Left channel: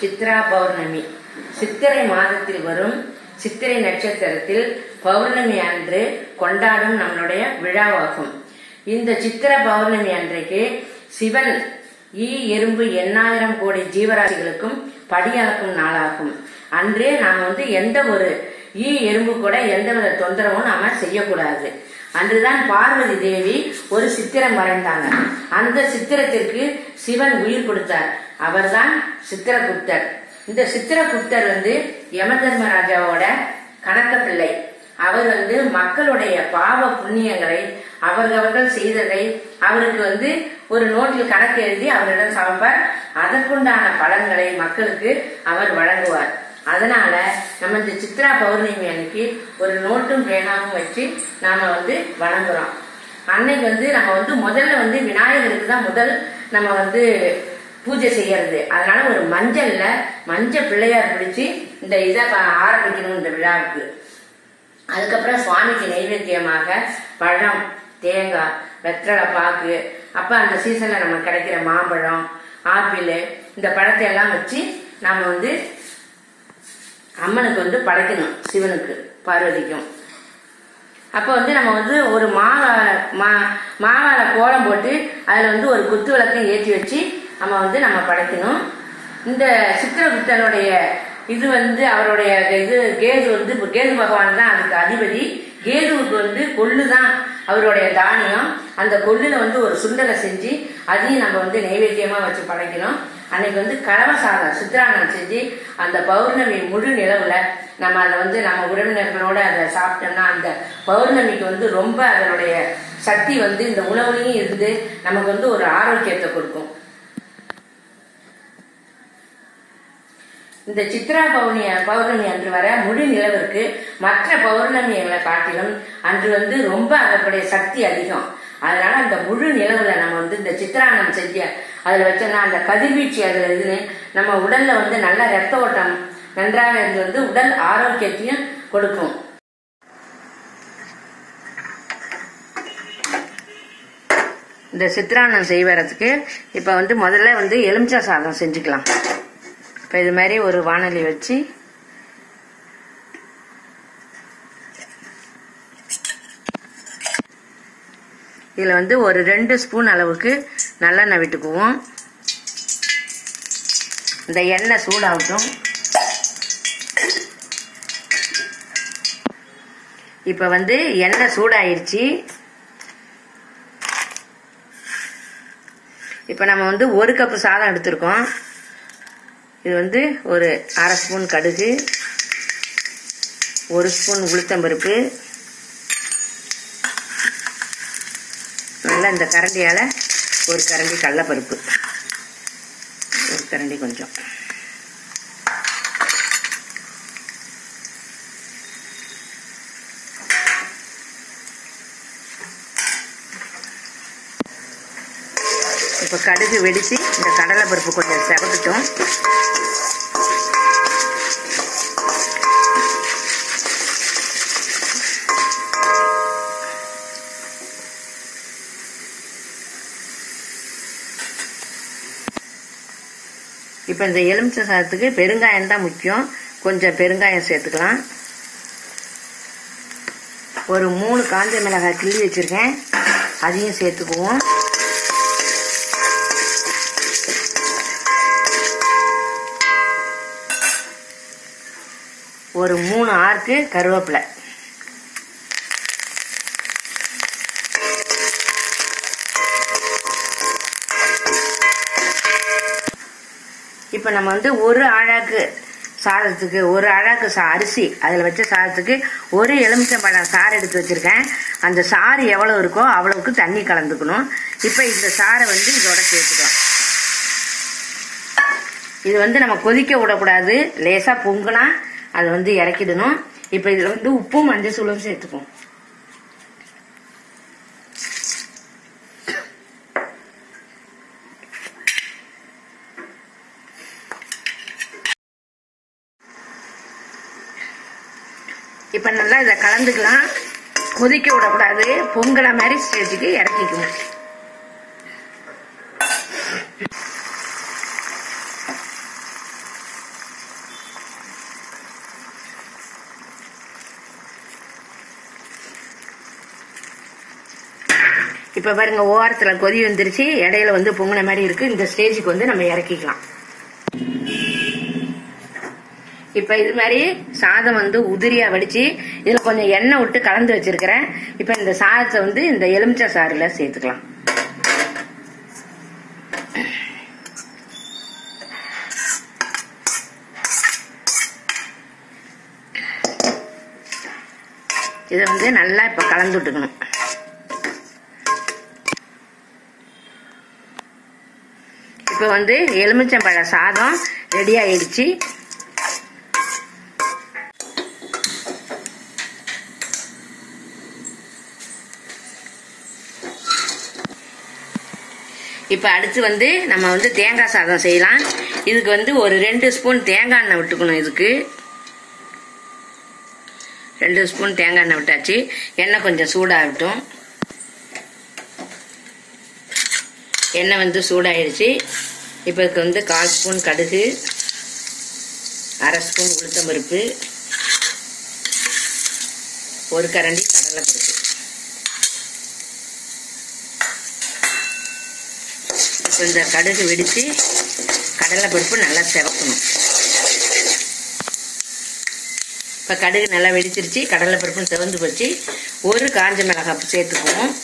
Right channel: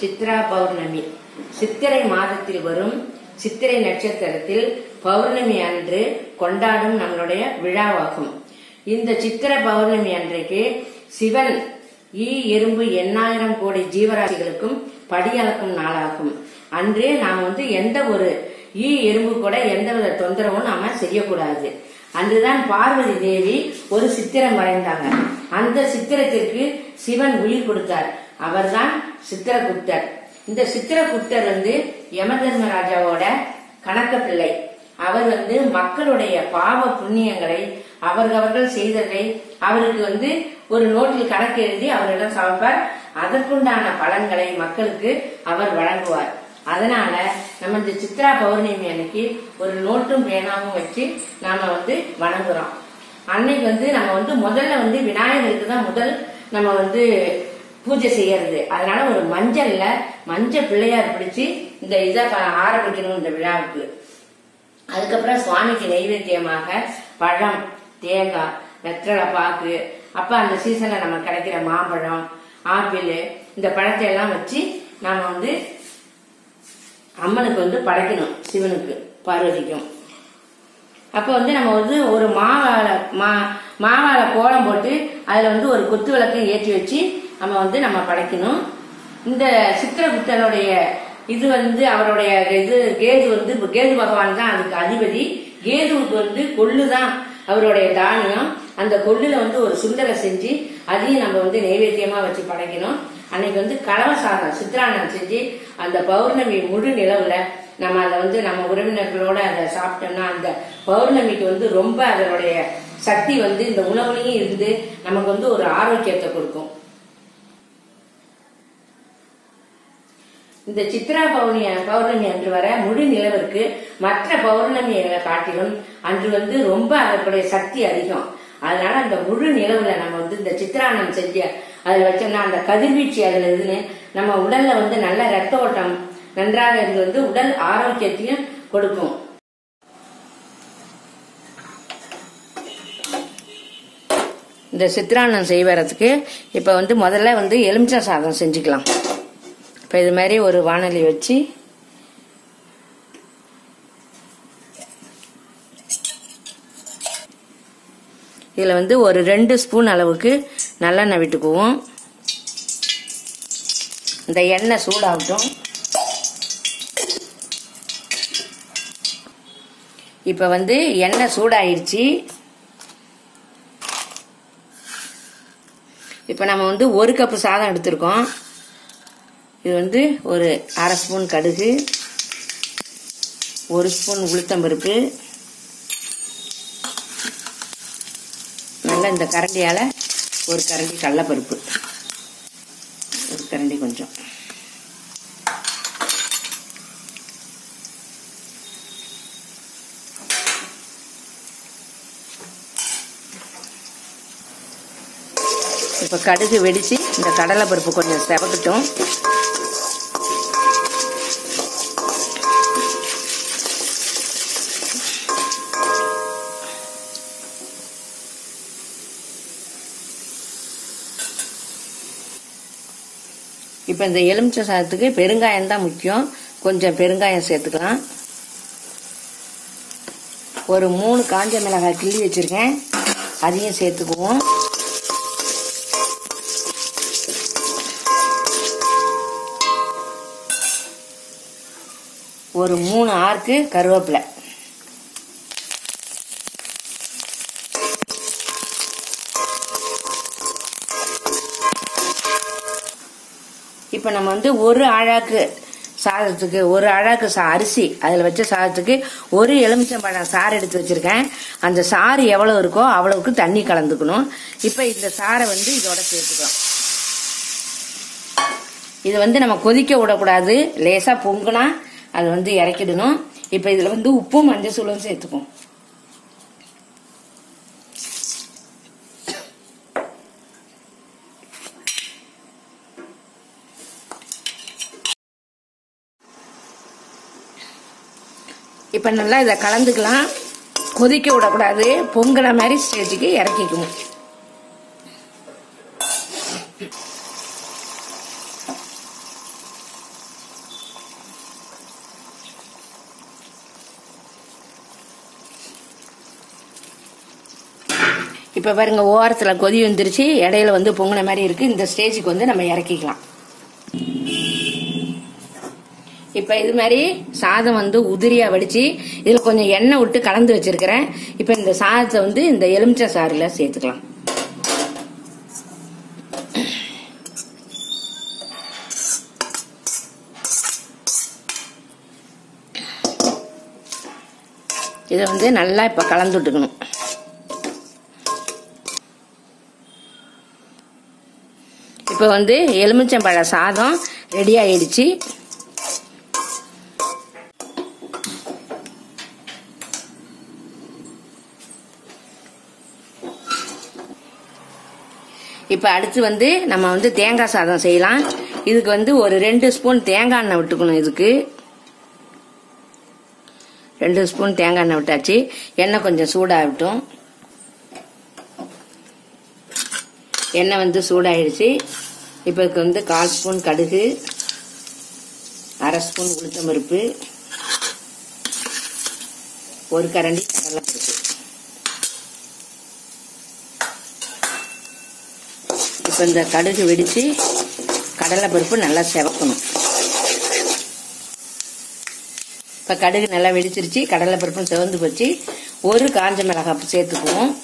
சித்ரா பௌர்ணமி சித்திரை மாதத்தில் வரும் சித்திரை நட்சத்திரத்தில் பௌர்ணமி அன்று கொண்டாடும் நம்மளுடைய விழாவாகும். இந்த சித்திர பௌர்ணமி அன்றைக்கு சிவன் எறும்பு 8000 கோடி ஜீவராசிகளுக்கும் படியளக்கும் நாளாகும். அன்றே நாம் எந்த ஒரு எறும்பு கூட எந்தவித தொந்தரவும் நாம செய்யக்கூடாது. அன்றுதான் பார்வதி தேவி ஒரு சித்திரம் வரைந்தாங்க. அந்த சித்திரத்திற்கு சிவன் உயிர் கொடுத்தார். அவர்தான் சித்திரகுப்தர். இந்த சித்திரகுப்தர் யமதர்மராஜாவோட கணக்க பிள்ளை. அவர் மக்களுடைய பாவ புண்ணியங்களை அவர்கள் செய்ததை அவருக்கு ஒரு நோட்டில் கணக்கு எழுதி அவரிடம் சமர்ப்பார். அதற்குண்டான பலன்களை மக்களுக்கு அவர் வழங்குவார். அதனால நம்ம இந்த சித்ரா பௌர்ணமி அன்னைக்கு ஒரு நோட்டும் பேனாவும் வச்சு நாம வணங்குறோம். அன்னைக்கு நம்ம முதல்ல விநாயகருக்கு தான் முதல் நம்ம பூஜை செய்யறது. அதனால ஒரு மஞ்சள் பிள்ளையார் பிடிச்சு இந்த இதை ஆரம்பிக்கணும் இந்த விழாவுக்கு. அதுக்கப்புறம் சுவாமிக்கு நைவேத்தியமாக பழம், தேங்காய், வெற்றலை பாக்கு, அப்ப அந்த சீசன்ல நம்ம கிடைக்கிற மாம்பழம், ஆப்பிள், இந்த பழத்தை எல்லாம் வச்சு நாம அம்மனுக்கு படைக்கணும். சிவனுக்கு பார்வதிக்கும். அப்ப நம்ம ஒரு மாவால கோலம் போட்டு அதுல ஒரு குத்து விளக்கம் ஏற்றி வச்சு நம்ம படைக்கணும். இந்த சித்திரகுப்தனுடைய இது அவருடைய இது கேது பகவான் தான் அதுக்கு அதிபதி. கேதுவுக்கு கொள்ளுதான் அவருடைய தானியம். அந்த கொள்ளுல ஒரு சுண்டலை செஞ்சு அதையும் நம்ம நைவேத்தியமா வச்சு படைக்கணும். அன்னைக்கு கலவ சாதம் சித்திராண்ணம் செஞ்சு அந்த பௌர்ணமி முழு நிலவுல நம்ம அதை நம்ம உறவினர்களோட அதை சாப்பிட்டோம்னா அந்த பௌர்ணமிக்கு ரொம்ப அதனுடைய சக்தி இந்த உணவுலையும் இருந்து நமக்கு ஒரு ஆரோக்கியத்தை கொடுக்கும். இந்த சித்ரா பௌர்ணமி அன்று வர முழு நிலவிற்கு மற்ற பௌர்ணமிகளை காட்டிலும் அன்று ரொம்ப அதனுடைய சக்தி அதிகம். அதனால அந்த முழு நிலவுல நம்ம இந்த சித்திராண்ணம் செஞ்சு அதுல வச்சோம்னா அந்த கதிர்வீச்சு அதுல இதுன்னு நம்ம உடல்ல நல்ல ரத்த ஓட்டம் நன்றாக இருந்து உடல் ஆரோக்கியத்தையும் கொடுக்கும். இந்த சித்திராண்ணம் செய்வதற்கு இப்ப முதல்ல எலுமிச்சை சாதம் செஞ்சுக்கலாம். இப்ப இது மாதிரி ஒரு வாணலி வச்சு இதுல ஒரு 2 ஸ்பூன் அளவுக்கு நல்லெண்ணெய் விட்டுக்குவோம். இந்த எண்ணெய் சூடாகட்டும். இப்ப எண்ணெய் சூடாயிருச்சு. இப்ப நம்ம 1 கப்பு சாதம் எடுத்திருக்கோம். இது ஒரு 1/2 ஸ்பூன் கடுகு, 1 ஸ்பூன் உளுத்தம்பருப்பு, நல்லா இந்த கரண்டியால 1 கரண்டி கடலைப்பருப்பு, 1 கரண்டி கொஞ்சம், இப்ப கடுகு வெடிச்சு இந்த கடலைப்பருப்பு கொஞ்சம் செவக்கட்டும். இப்ப இந்த எலுமிச்சை சாதத்துக்கு பெருங்காயம் தான் முக்கியம். கொஞ்சம் பெருங்காயம் சேர்த்துக்கலாம். ஒரு 3 காஞ்ச மிளகாய் கிள்ளி வச்சிருக்கேன், அதையும் சேர்த்துக்குவோம். ஒரு 3 ஆர்க்கு கருவேப்பிலை. இப்ப நம்ம ஒரு ஆழாக்கு சாதத்துக்கு 1 ஆழாக்கு அரிசி அதுல வச்ச சாதத்துக்கு 1 எலுமிச்சம்பழம் சாறு எடுத்து வச்சிருக்கேன். அந்த சாறு எவ்வளவு இருக்கோ அவ்வளவுக்கு தண்ணி கலந்துக்கணும். இப்ப இந்த சாரை இதோட சேர்த்துக்கோம். இது நம்ம கொதிக்க விடக்கூடாது. லேசா பொங்குனா அது இறக்கிடணும். இப்ப இதுல உப்பும் மஞ்சள் தூளும் சேர்த்துக்கும். இப்ப நல்லா இதை கலந்துக்கலாம். கொதிக்க விடக்கூடாது. பொங்கல மாதிரி ஸ்டேஜுக்கு இறக்கிக்கணும். இப்ப பாருங்க ஓரத்துல கொதி வந்துருச்சு, இடையில வந்து பொங்கின மாதிரி இருக்கு. இந்த ஸ்டேஜுக்கு வந்து நம்ம இறக்கிக்கலாம். இப்ப இது மாதிரி சாதம் வந்து உதிரியா வடிச்சு இதுல கொஞ்சம் எண்ணெய் விட்டு கலந்து வச்சிருக்கிறேன். இப்ப இந்த சாதத்தை வந்து இந்த எலுமிச்சை சாறுல சேர்த்துக்கலாம். இதை வந்து நல்லா இப்ப கலந்து விட்டுக்கணும். இப்ப வந்து எலுமிச்சம்பழ சாதம் ரெடி ஆயிடுச்சு. இப்ப அடுத்து வந்து நம்ம வந்து தேங்காய் சாதம் செய்யலாம். இதுக்கு வந்து ஒரு 2 ஸ்பூன் தேங்காய் எண்ணெய் விட்டுக்கணும். இதுக்கு 2 ஸ்பூன் தேங்காய் எண்ணெய் விட்டாச்சு. எண்ணெய் கொஞ்சம் சூடாகட்டும். எண்ணெய் வந்து சூடாயிடுச்சு. இப்போ இதுக்கு வந்து 1/4 ஸ்பூன் கடுகு, 1/2 ஸ்பூன் உளுத்தம்பருப்பு, 1 கரண்டி கடலைப்பருப்பு. இப்போ இந்த கடுகு வெடித்து கடலைப்பருப்பு நல்லா செவக்கணும். இப்போ கடுகு நல்லா வெடிச்சிருச்சு, கடலைப்பருப்பும் செவந்து போச்சு. 1 காஞ்ச மிளகாய் சேர்த்துக்குவோம்.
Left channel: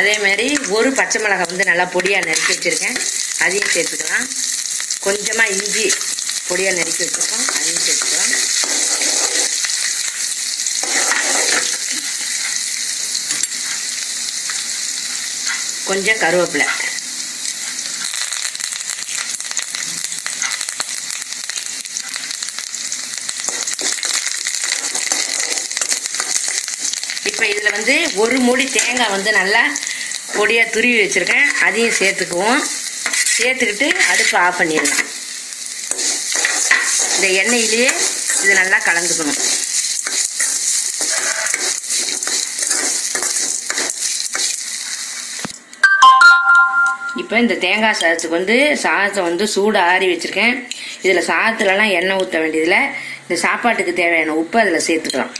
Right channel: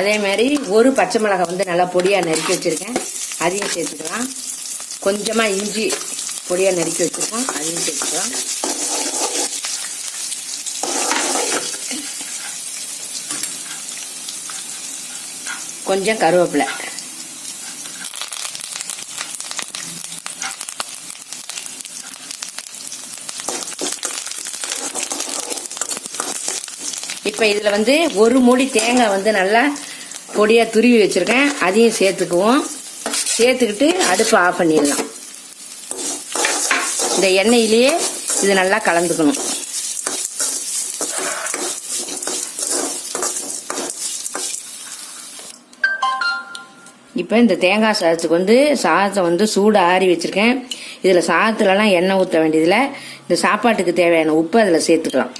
அதே மாதிரி 1 பச்சை மிளகாய் வந்து நல்லா பொடியா நறுக்கி வச்சிருக்கேன், அதையும் சேர்த்துக்கலாம். கொஞ்சமா இஞ்சி பொடியா நறுக்கி வச்சிருக்கோம், அதையும் சேர்த்துக்கலாம். கொஞ்சம் கருவேப்பிலை. இப்ப இதுல வந்து 1 மூடி தேங்காய் வந்து நல்லா பொடியா துருவி வச்சிருக்கேன், அதையும் சேர்த்துக்குவோம். சேர்த்துக்கிட்டு அடுப்பு ஆஃப் பண்ணிடலாம். இந்த எண்ணெயிலேயே இது நல்லா கலந்துக்கணும். இப்ப இந்த தேங்காய் சாதத்துக்கு வந்து சாதத்தை வந்து சூடு ஆறி வச்சிருக்கேன். இதுல சாதத்துலலாம் எண்ணெய் ஊற்ற வேண்டியதுல இந்த சாப்பாட்டுக்கு தேவையான உப்பு அதுல சேர்த்துக்கலாம்.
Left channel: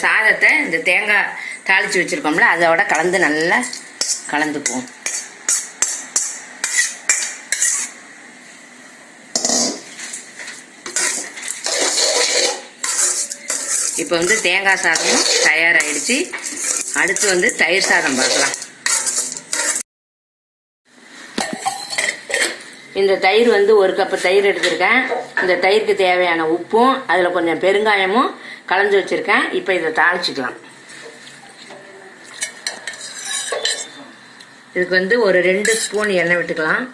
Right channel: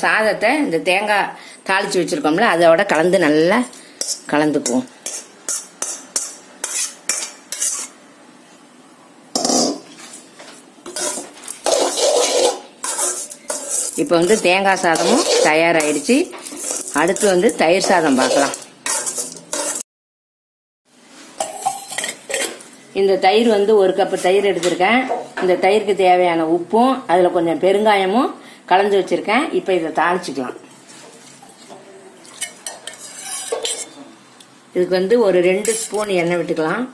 சாதத்தை இந்த தேங்காய் தாளிச்சு வச்சிருக்கோம்ல அதோட கலந்து நல்லா கலந்துக்குவோம். இப்ப வந்து தேங்காய் சாதமும் தயாராகிடுச்சு. அடுத்து வந்து தயிர் சாதம் பார்க்கலாம். இந்த தயிர் வந்து 1 கப் தயிர் எடுத்திருக்கேன். இந்த தயிருக்கு தேவையான உப்பும் அதுல கொஞ்சம் பெருங்காயமும் கலந்து வச்சிருக்கேன். இப்ப இதை தாளிச்சுக்கலாம். இதுக்கு வந்து ஒரு 2 ஸ்பூன் எண்ணெய் விட்டுக்கலாம்.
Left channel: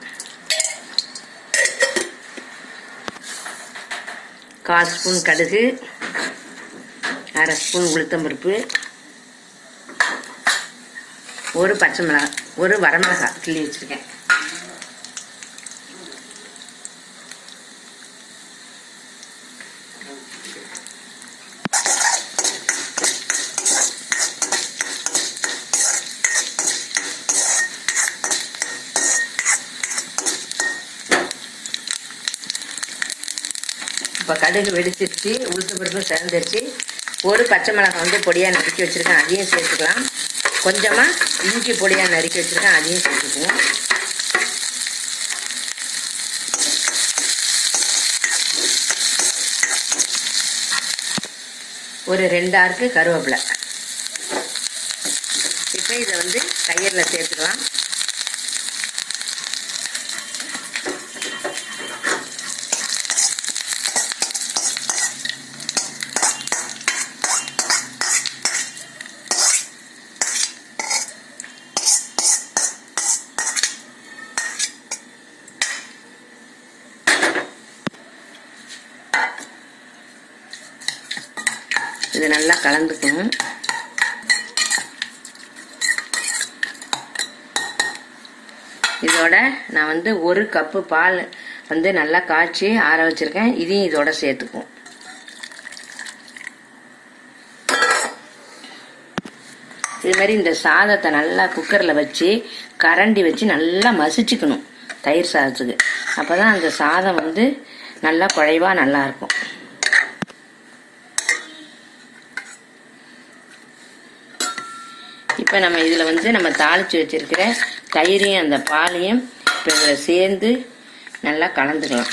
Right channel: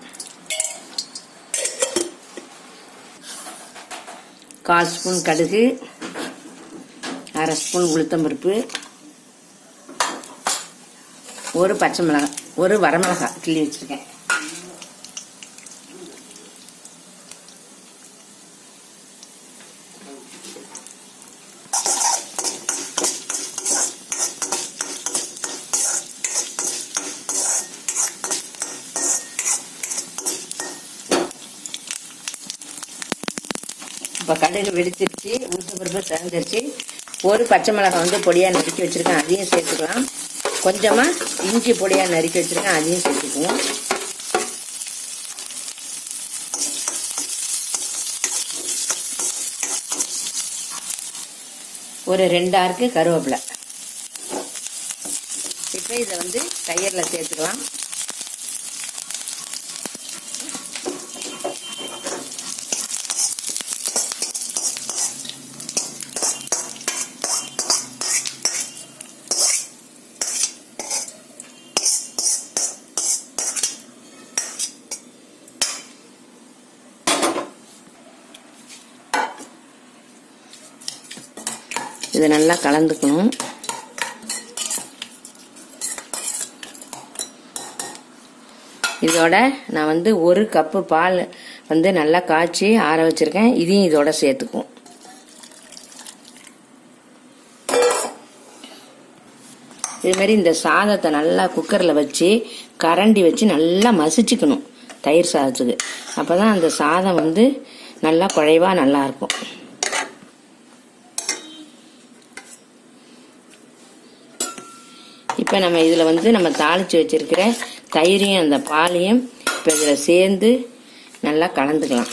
1/4 ஸ்பூன் கடுகு, 1/2 ஸ்பூன் உளுத்தம்பருப்பு, 1 பச்சை மிளகாய், 1 வரமிளகாய் கிள்ளி வச்சிருக்கேன். இப்ப கடுகு வெடிச்சிருச்சு, உளுத்தம்பருப்பு சேர்ந்துருச்சு. 1 பச்சை மிளகாய் வந்து பொடியா நறுக்கி வச்சிருக்கேன், அதையும் சேர்த்துக்கலாம். கொஞ்சமா இஞ்சி பொடியா நறுக்கி வச்சிருக்கேன், அதையும் சேர்த்துக்குவோம். ஒரு 2 ஆறுக்கு கருவேப்பிலை. இப்ப இதை வந்து தயிர்ல சேர்த்துக்கலாம். இது நல்லா கலந்துக்கணும். இதோட நான் வந்து 1 கப்பு பால் வந்து நல்லா காய்ச்சி ஆற வச்சிருக்கேன், இதையும் இதோட சேர்த்துக்குவோம். இது மாதிரி இந்த சாதத்தை நல்லா குக்கர்ல வச்சு கரண்டி வச்சு நல்லா மசிச்சுக்கணும் தயிர் சாதத்துக்கு. அப்பதான் அந்த சாதம் வந்து நல்லா குழைவா நல்லா இருக்கும். இப்போ நம்ம இதில் வந்து நம்ம தாளித்து வச்சிருக்கிற தயிரையும் அந்த பாலையும் இப்போ இதில் சேர்ந்து நல்லா கலந்துக்கலாம்.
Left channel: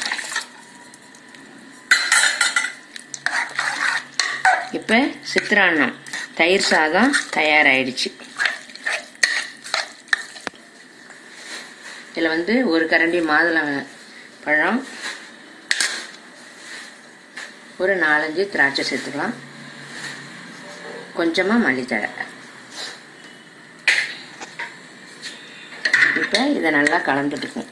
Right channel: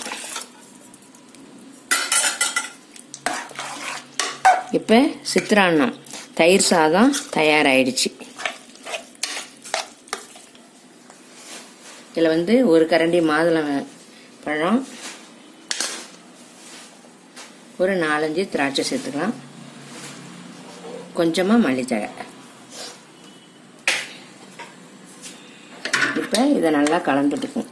இப்போ சித்திரான்னம் தயிர் சாதம் தயாராகிடுச்சு. இதில் வந்து ஒரு கரண்டி மாதுளை பழம், ஒரு 4-5 திராட்சை சேர்த்துக்கலாம், கொஞ்சமாக மல்லித்தழை. இப்போ இதை நல்லா கலந்துட்டுக்கும்.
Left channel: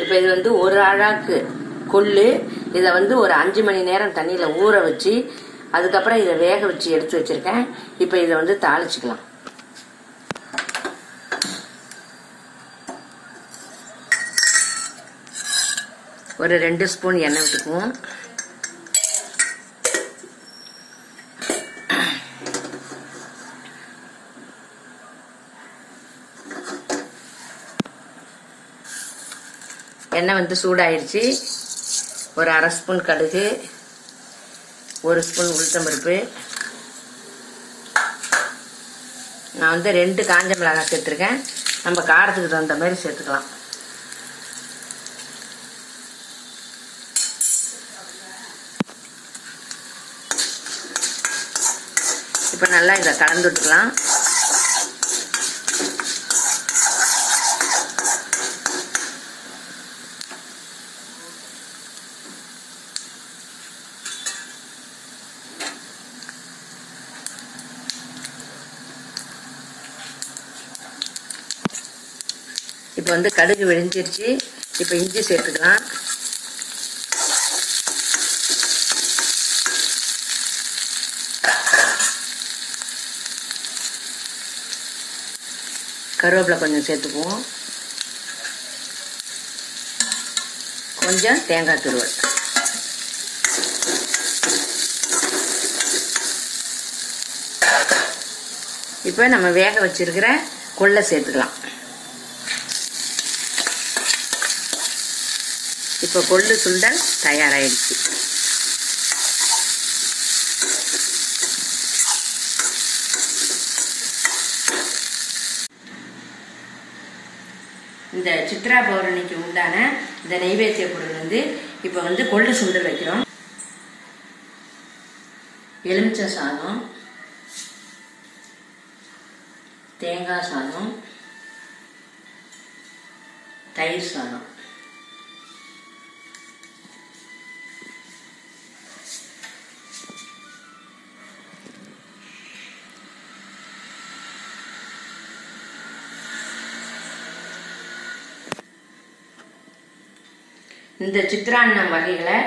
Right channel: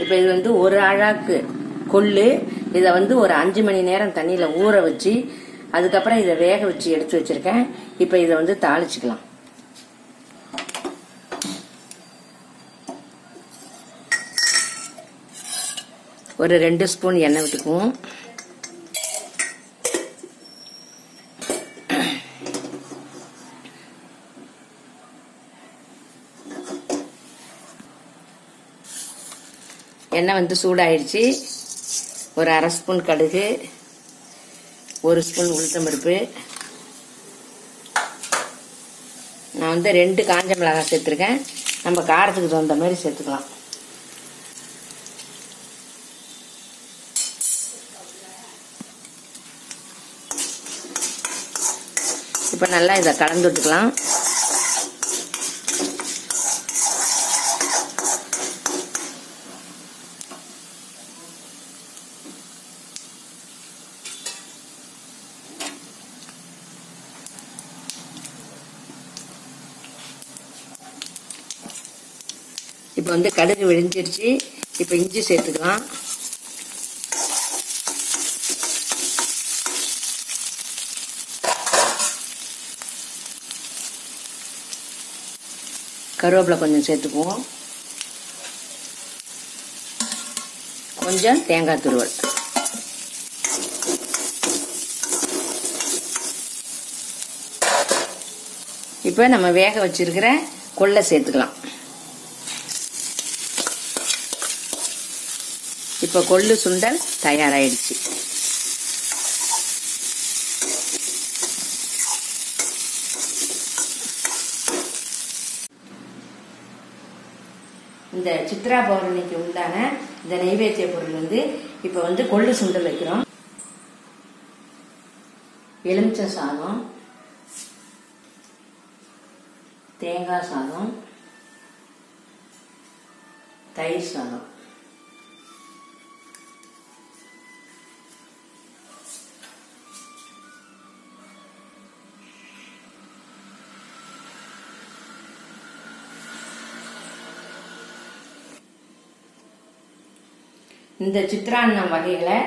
இப்போ இது வந்து ஒரு அழாக்கு கொள்ளு. இதை வந்து ஒரு 5 மணி நேரம் தண்ணியில் ஊற வச்சு அதுக்கப்புறம் இதை வேக வச்சு எடுத்து வச்சிருக்கேன். இப்போ இதை வந்து தாளிச்சுக்கலாம். ஒரு 2 ஸ்பூன் எண்ணெய் விட்டுக்குவோம். எண்ணெய் வந்து சூடாயிருச்சு. ஒரு 1/2 ஸ்பூன் கடுகு, 1 ஸ்பூன் உளுத்தம்பருப்பு, நான் வந்து 2 காஞ்ச மிளகாய் சேர்த்துருக்கேன். நம்ம காரத்துக்கு தகுந்த மாதிரி சேர்த்துக்கலாம். இப்போ நல்லா இதை கலந்து விட்டுக்கலாம். இப்போ வந்து கடுகு வெடிஞ்சிருச்சு. இப்போ இஞ்சி சேர்த்துக்கலாம். கருவேப்பிலை கொஞ்சம் சேர்த்துக்குவோம். கொஞ்சம் தேங்காய் துருவல். இப்போ நம்ம வேக வச்சிருக்கிற கொள்ளை சேர்த்துக்கலாம். இப்போ கொள்ளு சுண்டல் தயாராகிடுச்சு. இந்த சித்ரா பௌர்ணமிக்கு உண்டான இந்த நைவேத்திய பொருள் வந்து இப்போ வந்து கொள்ளு சுண்டல் வைக்கிறோம். எலுமிச்சை சாதம், தேங்காய் சாதம், தயிர் சாதம். இந்த சித்ரான்னம் வகைகளை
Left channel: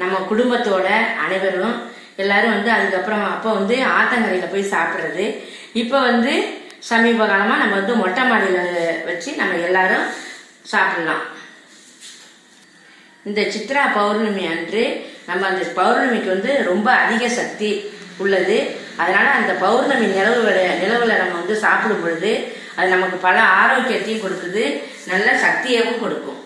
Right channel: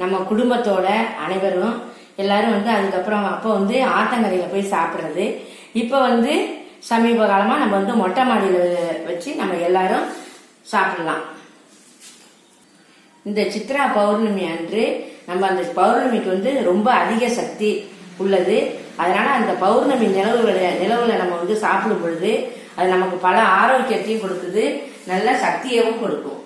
நம்ம குடும்பத்தோட அனைவரும் எல்லாரும் வந்து அதுக்கப்புறம் அப்போ வந்து ஆத்தங்கரையில போய் சாப்பிடுறது. இப்ப வந்து சமீப காலமா நம்ம வந்து மொட்டை மாடியில வச்சு நம்ம எல்லாரும் சாப்பிடலாம். இந்த சித்ரா பௌர்ணமி அன்று நம்ம அந்த பௌர்ணமிக்கு வந்து ரொம்ப அதிக சக்தி உள்ளது. அதனால அந்த பௌர்ணமி நிலவுல நம்ம வந்து சாப்பிடும் பொழுது அது நமக்கு பல ஆரோக்கியத்தையும் கொடுக்குது, நல்ல சக்தியவும் கொடுக்கும்.